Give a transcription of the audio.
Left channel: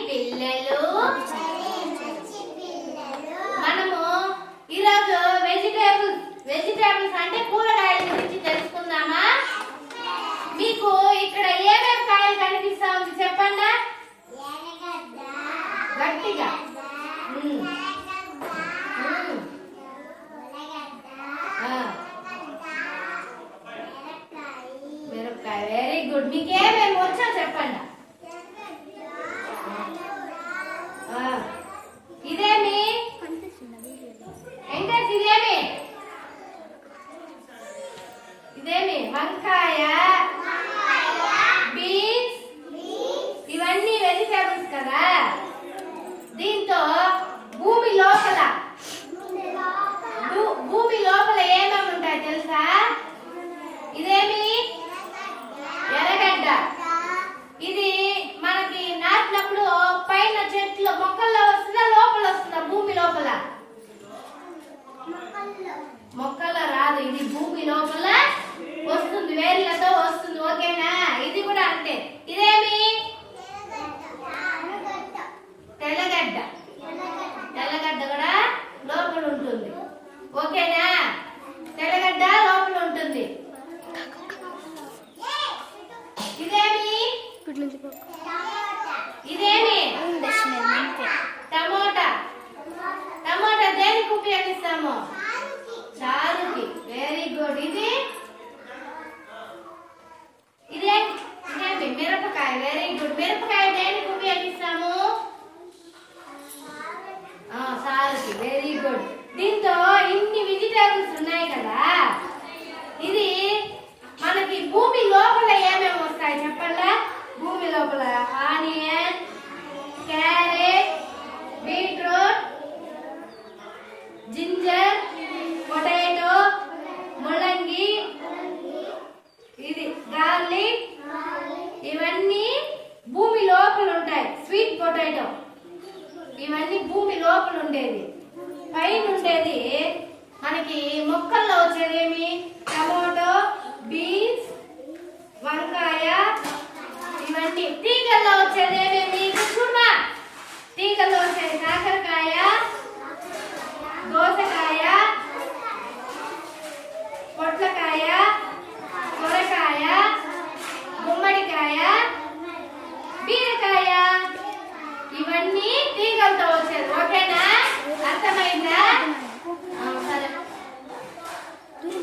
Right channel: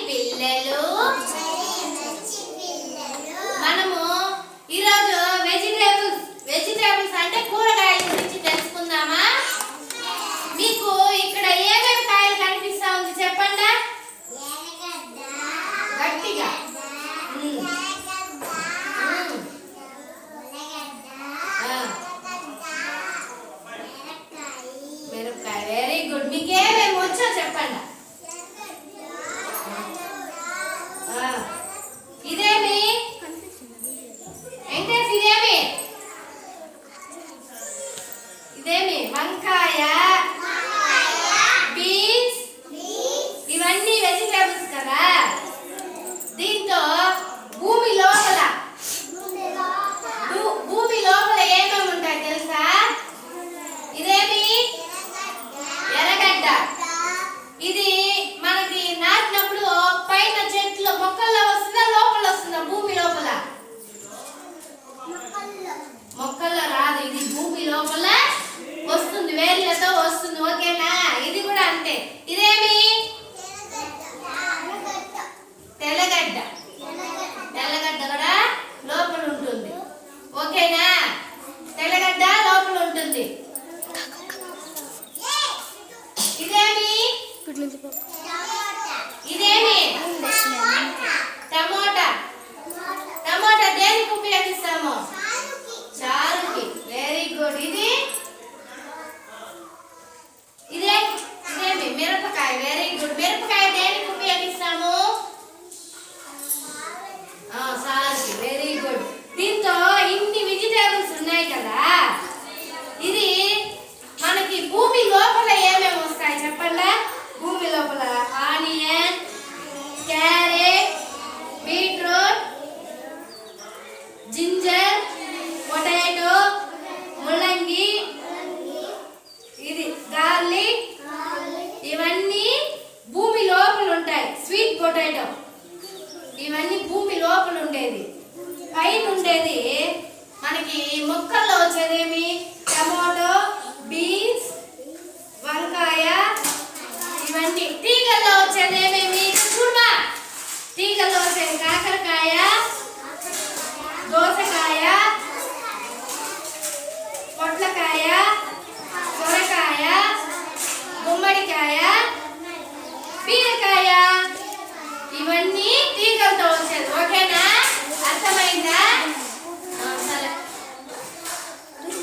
పిల్లలు. మనము ఈరోజు వెజిటేబుల్స్ వెజిటేబుల్స్ అంటే కూరగాయల గురించి తెలుసుకుందామా? మీకు ఇక్కడ ఏమేమి కాయలు కనిపిస్తా ఉంది చెప్పండి? గట్టిగా. మిరపకాయ. Very good. మీకు ఏమేమి వచ్చో చెప్పండి ఆ, ఇదేమి వెంకటేష్ ఇదేమి ఇదేమి వంకాయ బీన్స్ ఇవన్నీ వెజిటేబుల్స్ కదా దీంతో భూమి లోపల భూ- భూమి లోపల ఏమేమి ఉంటాయి తెలుసా ఇదేమి ఎర్రగడ్డ ఇది మనకి నాటినప్పుడు పైన చెట్లు మొక్కల్లో వస్తుందా లోపల వస్తుందా భూమి లోపల మొక్కల్లో రాదు ఇది భూమి లోపల? వస్తుంది వేర్లతో వస్తుంది ఓకేనా? ఇది కూడా అంతే. ఇదేమి? తెల్లగడ్డ. తెల్లగడ్డ కూడా లోపల ఉంటుంది. ఓకేనా? తెల్లగడ్డ లోపల ఉంటుంది. ఇదేమి? ఇదేమి? టమోటా. టమోటా దేనికి ఉపయోగిస్తాము? ఇంకోటి ఇది. ఇదే ఇదేమి మిరపకాయ. వెరీ గుడ్ మిరపకాయ దేనికి ఉపయోగిస్తాము? ఆ, వెరీ గుడ్ దీంతో ఇన్ని వెజిటేబుల్స్ ఉన్నాయి కదా. ఇది మనకి భూమి లోపల ఏమేమి వస్తాయి చెప్పండి? భూమి లోపల onion carrot beetroot ginger potato ముల్లంగి ఇది గార్లిక్ ఇవన్నీ భూమి లోపల ఉంటాయి స్వీట్ పొటాటో ఇవన్నీ భూమి లోపల ఉండేది పైన ఉండేది మనకి మొక్కల్లో వచ్చేదేమి? టమాటో బీన్స్ వంకాయ ఇవన్నీ. తీగల్లో వచ్చేది ఏమేమి చూడమా తీగల్లో వచ్చేది కాకరకాయ దోసకాయ పొట్లకాయ సొరకాయ గుమ్మడికాయ బీరకాయ. ఇవన్నీ తీగలతో